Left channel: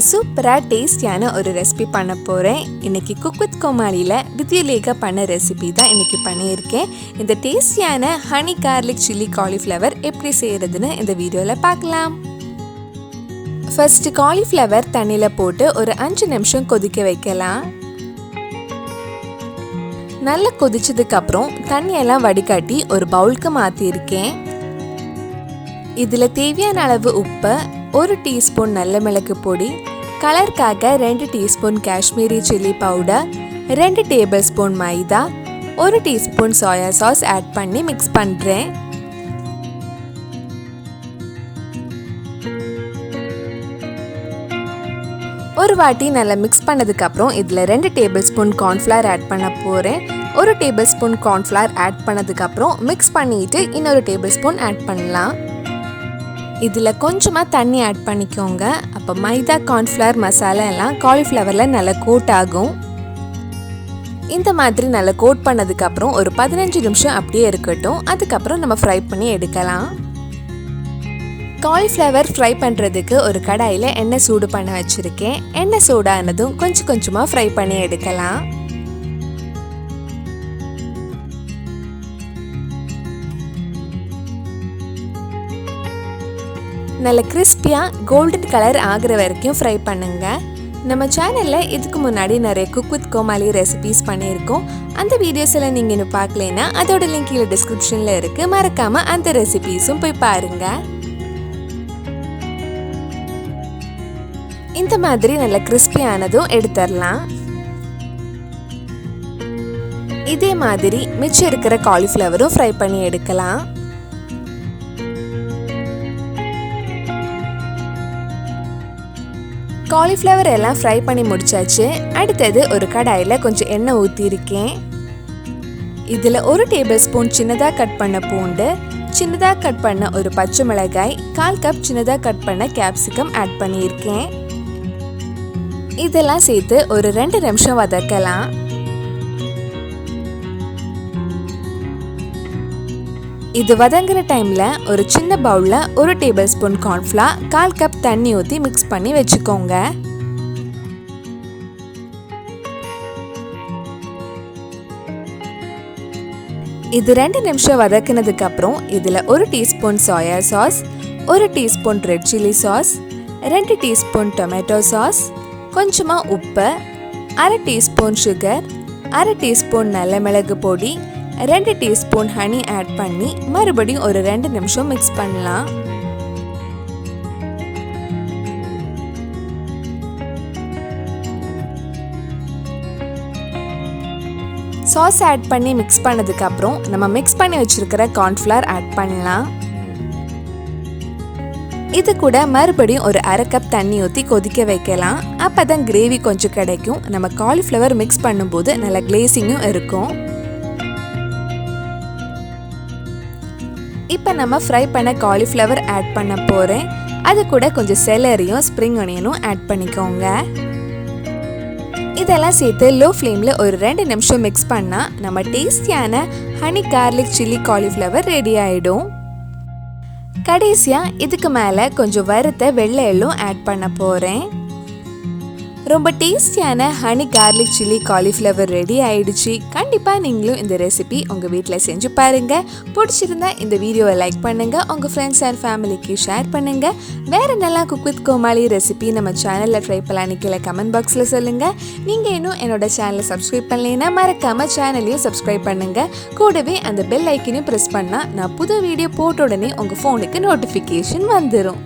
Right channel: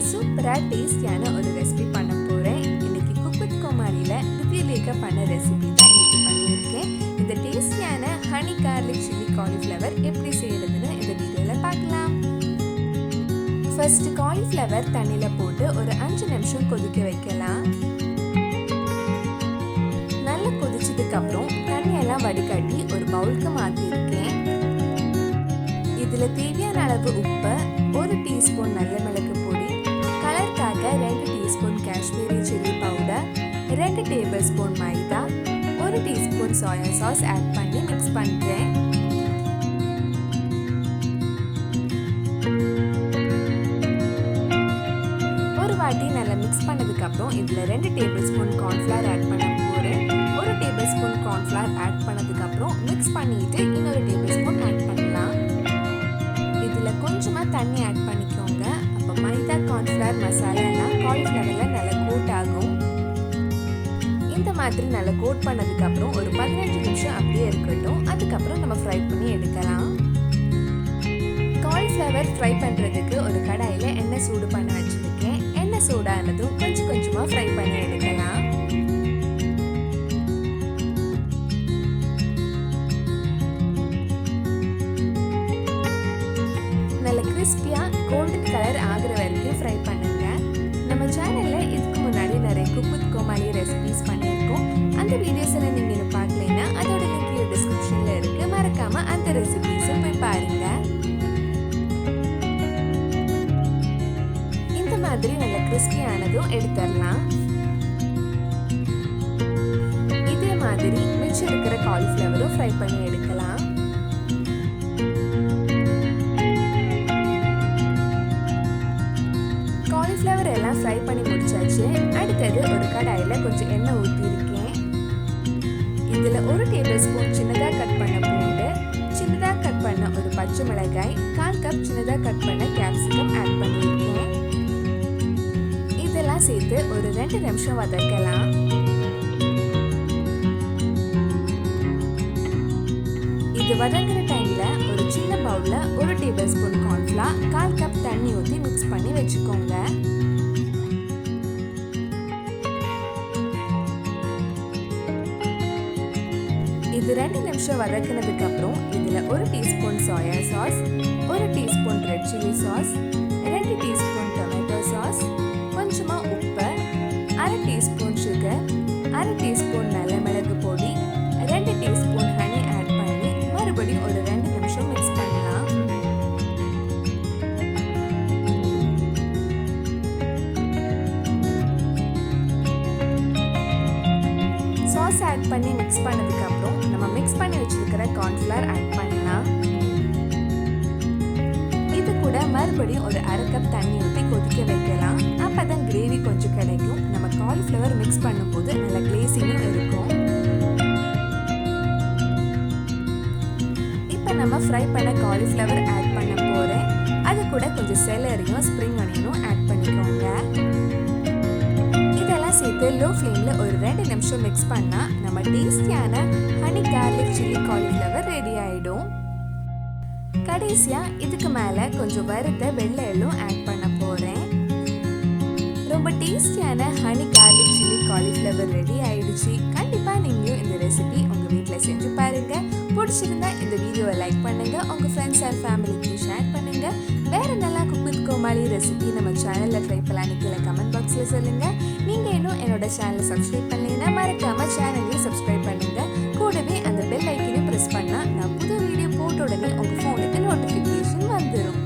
இன்னைக்கு சூப்பரா டேஸ்டியான ஒரு ரெசிபி பண்ண போறேன். இன்னைக்கு குக் வித் கோமாளில வித்யுலேகா பண்ண ரெசிபி தான் இன்னைக்கு பண்ணியிருக்கேன். இந்த டேஸ்டியான ஹனி கார்லிக் சில்லி காலிஃப்ளவர் எப்படி செய்யறதுன்னு இந்த வீடியோல பார்க்கலாம். ஃபர்ஸ்ட் காலிஃப்ளவர் தண்ணியில போட்டு ஒரு 5 நிமிஷம் கொதிக்க வைக்கலாம். நல்லா கொதிச்சதுக்கு அப்புறம் தண்ணியெல்லாம் வடிகட்டி ஒரு பவுலுக்கு மாத்திருக்கேன். இதுல தேவையான அளவு உப்பு, 1 டீஸ்பூன் நல்ல மிளகு பொடி, கலருக்காக 2 teaspoon Kashmiri chilli powder, 2 tablespoon maida, 1 teaspoon soya sauce add பண்ணி மிக்ஸ் பண்றேன். ஒரு வாட்டி நல்லா மிக்ஸ் பண்ணதுக்கு அப்புறம் இதுல 2 டேபிள் ஸ்பூன் கார்ன்ஃப்ளவர் ஆட் பண்ண போறேன். 1 டேபிள் ஸ்பூன் கார்ன்ஃப்ளவர் ஆட் பண்ணதுக்கு அப்புறம் மிக்ஸ் பண்ணிட்டு இன்னொரு டேபிள் ஸ்பூன் ஆட் பண்ணலாம். இதில் கொஞ்சமாக தண்ணி ஆட் பண்ணிக்கோங்க. அப்போ மைதா கார்ன்ஃப்ளவர் மசாலா எல்லாம் காலிஃப்ளவரில் நல்லா கோட் ஆகும். இந்த மாதிரி நல்லா கோட் பண்ணதுக்கப்புறம் ஒரு 15 நிமிஷம் அப்படியே இருக்கட்டும். அதுக்கப்புறம் நம்ம ஃப்ரை பண்ணி எடுக்கலாம். காலிஃப்ளவர் ஃப்ரை பண்ணுறதுக்கு ஒரு கடாயில் எண்ணெய் சூடு பண்ண வச்சுருக்கேன். எண்ணெய் சூடானதும் கொஞ்சம் கொஞ்சமாக ஃப்ரை பண்ணி எடுக்கலாம். நல்ல கிறிஸ்பியாக கோல்டன் கலர் ஆகிற வரைக்கும் ஃப்ரை பண்ணுங்க. நம்ம சேனலில் இதுக்கு முன்னாடி நிறைய குக் வித் கோமாளி ரெசிபிஸ் பண்ணியிருக்கோம். அந்த வீடியோஸ் எல்லாம் நீங்கள் இன்னும் பார்க்கலைன்னா அதோட லிங்க் கீழே டிஸ்கிரிப்ஷனில் இருக்குது. மறக்காமல் அந்த ரெசிபிஸும் போய் பாருங்க. இந்த மாதிரி நல்ல கிறிஸ்பியானதும் எடுத்துடலாம். இதே மாதிரி மிச்சம் இருக்கிற காலிஃப்ளவரும் ஃப்ரை பண்ணி எடுக்கலாம். காலிஃப்ளவர் எல்லாம் ஃப்ரை பண்ணி முடிச்சாச்சு. அடுத்தது ஒரு கடாயில் கொஞ்சம் எண்ணெய் ஊற்றிருக்கேன். இதில் 1 டேபிள் ஸ்பூன் சின்னதாக கட் பண்ண பூண்டு, சின்னதாக கட் பண்ண ஒரு பச்சை மிளகாய், 1/4 கப் சின்னதாக கட் பண்ண கேப்சிகம் ஆட் பண்ணியிருக்கேன். இதெல்லாம் சேர்த்து ஒரு 2 நிமிஷம் வதக்கலாம். இது வதங்குற டைம்ல ஒரு சின்ன பவுல்ல 1 டேபிள் ஸ்பூன் கார்ன்ஃப்ளவர், 1/4 கப் தண்ணி ஊற்றி மிக்ஸ் பண்ணி வச்சுக்கோங்க. இது 2 நிமிஷம் வதக்குனதுக்கு அப்புறம் இதுல 1 teaspoon soya sauce, 1 teaspoon red chilli sauce, 2 teaspoon tomato sauce, கொஞ்சமா உப்பு, 1/2 டீஸ்பூன் சுகர், 1/2 டீஸ்பூன் நல்ல மிளகு பொடி, 2 டீஸ்பூன் ஹனி ஆட் பண்ணி மறுபடியும் ஒரு 2 நிமிஷம் மிக்ஸ் பண்ணலாம். சாஸ் ஆட் பண்ணி மிக்ஸ் பண்ணதுக்கு அப்புறம் நம்ம மிக்ஸ் பண்ணி வச்சிருக்கிற கார்ன்ஃப்ளவர் ஆட் பண்ணலாம். இது கூட மறுபடியும் ஒரு 1/2 கப் தண்ணி ஊற்றி கொதிக்க வைக்கலாம். அப்பதான் கிரேவி கொஞ்சம் கிடைக்கும். நம்ம காலிஃப்ளவர் மிக்ஸ் பண்ணும்போது நல்ல கிளேசிங்கும் இருக்கும். இப்போ நம்ம ஃப்ரை பண்ண காலிஃப்ளவர் ஆட் பண்ண போகிறேன். அது கூட கொஞ்சம் செலரியும் ஸ்ப்ரிங் ஆனியனும் ஆட் பண்ணிக்கோங்க. இதெல்லாம் சேர்த்து லோ ஃப்ளேமில் ஒரு 2 நிமிஷம் மிக்ஸ் பண்ணால் நம்ம டேஸ்டியான honey garlic chilli cauliflower ready ஆகிடும். கடைசியாக இதுக்கு மேலே கொஞ்சம் வறுத்த வெள்ளை எள்ளும் ஆட் பண்ண போகிறேன். ரொம்ப டேஸ்டியான honey garlic chilli cauliflower ready ஆயிடுச்சு. கண்டிப்பாக நீங்களும் இந்த ரெசிபி உங்கள் வீட்டில் செஞ்சு பாருங்கள். பிடிச்சிருந்தா இந்த வீடியோவை லைக் பண்ணுங்கள், உங்கள் ஃப்ரெண்ட்ஸ் அண்ட் ஃபேமிலிக்கு ஷேர் பண்ணுங்கள். வேறு நல்லா குக் வித் கோமாளி ரெசிபி நம்ம சேனலில் ட்ரை பண்ணலான்னு கீழே கமெண்ட் பாக்ஸில் சொல்லுங்கள். நீங்கள் இன்னும் என்னோட சேனலை சப்ஸ்கிரைப் பண்ணலைன்னா மறக்காமல் சேனலையும் சப்ஸ்கிரைப் பண்ணுங்கள். கூடவே அந்த பெல் ஐக்கனையும் ப்ரெஸ் பண்ணால் நான் புது வீடியோ போட்ட உடனே உங்கள் ஃபோனுக்கு நோட்டிஃபிகேஷன் வந்துடும்.